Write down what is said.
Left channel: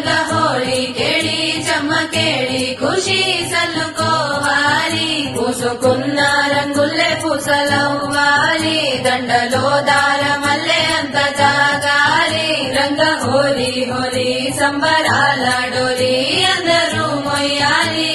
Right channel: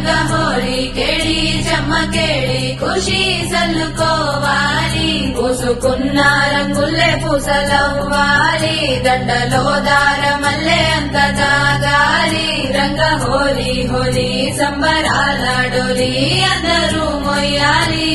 రంగ హోళీ కేళి చెమ్మకేళి ఖుషి సల్లుకోవాలి పూసుకున్న రంగుల్లే పూసలవ్వాలి దండలో దారమల్లే అంత తాగాలి రంగ హోళీ హోళీ సంబరాల డోలి అందరూ మొయ్యాలి